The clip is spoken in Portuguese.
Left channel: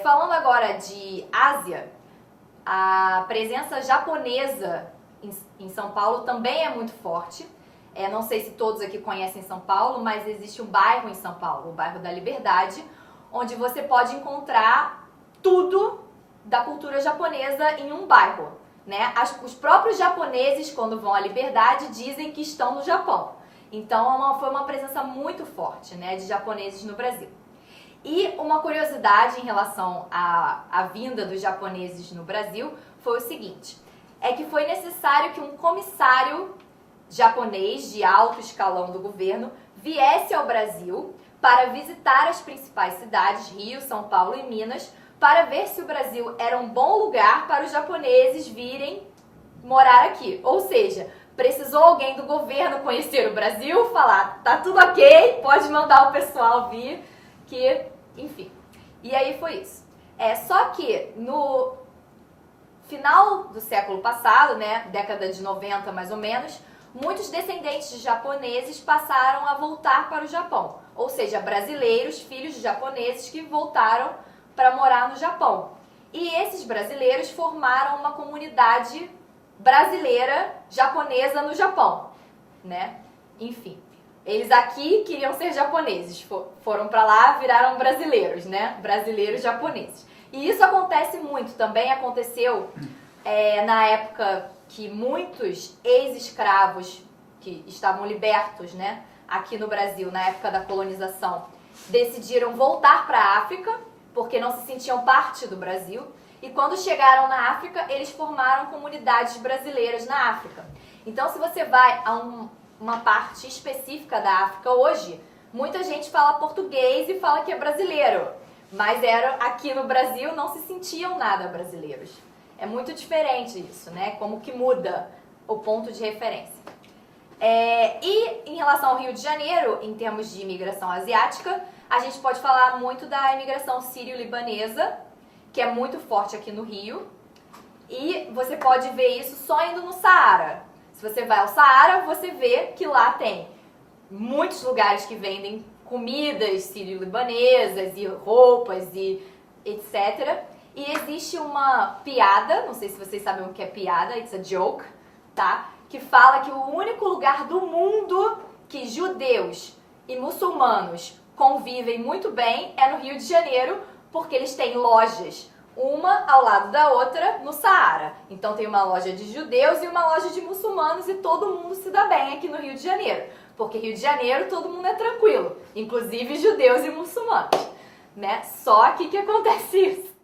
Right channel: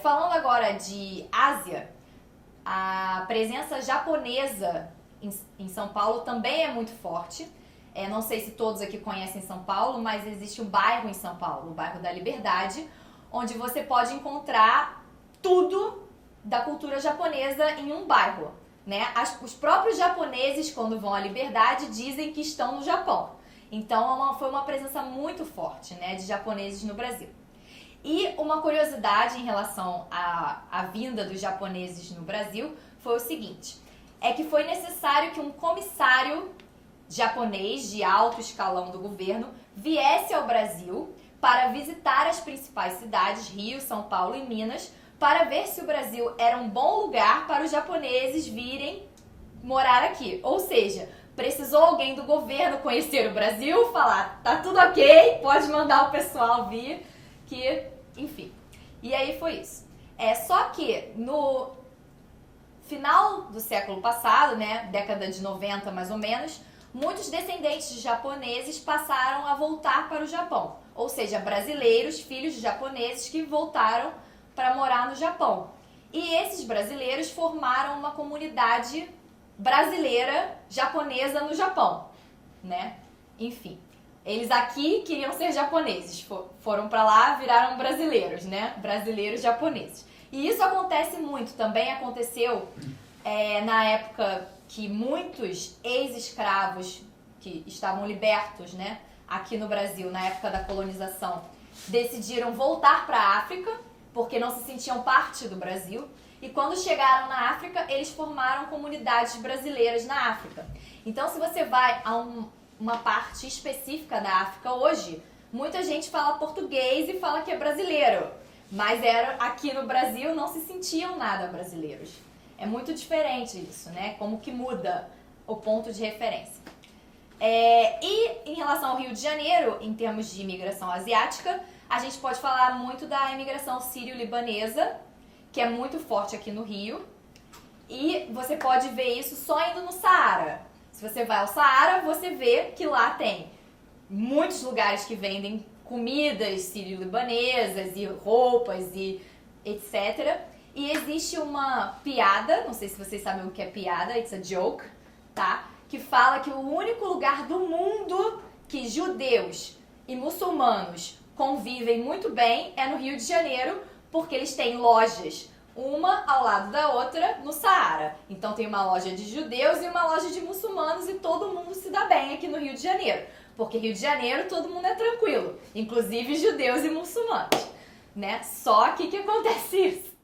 Falando agora de Ásia, a presença japonesa em São Paulo também é muito forte. Não sei se todos aqui conhecem São Paulo, mas existe um bairro em São Paulo, o bairro da Liberdade, onde você pode encontrar tudo da cultura japonesa em um bairro, né? Os próprios japoneses, quando vão à Liberdade, dizem que estão no Japão. Então foi uma presença muito forte, né, de japoneses no Brasil. E uma curiosidade em relação à vinda dos japoneses no Brasil foi o seguinte: é que foi necessário que um comissário japonês de alto escalão do governo viesse ao Brasil para visitar as principais cidades, Rio, São Paulo e Minas, para ver se o Brasil era um bom lugar para os japoneses virem morar aqui. Ou seja, precisou alguém do governo conhecer o Brasil, falar, tá tudo ok, pode mandar o pessoal vir, que, enfim. E aí foi isso. Só que no final do século passado, né, década de 90 mais ou menos, muitos descendentes de japoneses passaram a voltar para o Japão. Ou seja, brasileiros, filhos de japoneses que voltaram para morar no Japão. E esses brasileiros formaram uma comunidade brasileira japonesa no Japão, né? Enfim, eles aqui queriam ser japoneses, foram para lá, viraram brasileiros, né? Brasileiros japoneses. E isso acontece muito, também aconteceu na época que muitos ex-escravos que estavam libertos, né, aqui no Brasil, na época da colonização, decidiram voltar para a África, porque não se sentiam parte do Brasil. E quando chegaram na África, eles formaram comunidades brasileiras na África. Então, se você vai a uma parte específica da África hoje, muita gente fala português e fala que é brasileiro. Mas aqui no Brasil não se sentiam nada brasileiros. É muito diferente isso, né? Como que muda o ponto de referência. E em relação ao Rio de Janeiro, em termos de imigração asiática, a gente pode falar muito da imigração sírio-libanesa, que é muito forte aqui no Rio. E você pode ver isso só indo no Saara. Se você vai ao Saara, você vê que lá tem muitos lugares que vendem comidas sírio-libanesas e roupas e etc. E existe uma piada, não sei se vocês sabem o que é piada, it's a joke, tá? Que fala que o único lugar do mundo que judeus e muçulmanos convivem muito bem é no Rio de Janeiro, porque eles têm lojas, uma ao lado da outra, no Saara. Então tem uma loja de judeus e uma loja de muçulmanos e todo mundo se dá bem aqui no Rio de Janeiro. Porque Rio de Janeiro todo mundo é tranquilo, inclusive judeus e muçulmanos, né? Só aqui que acontece isso.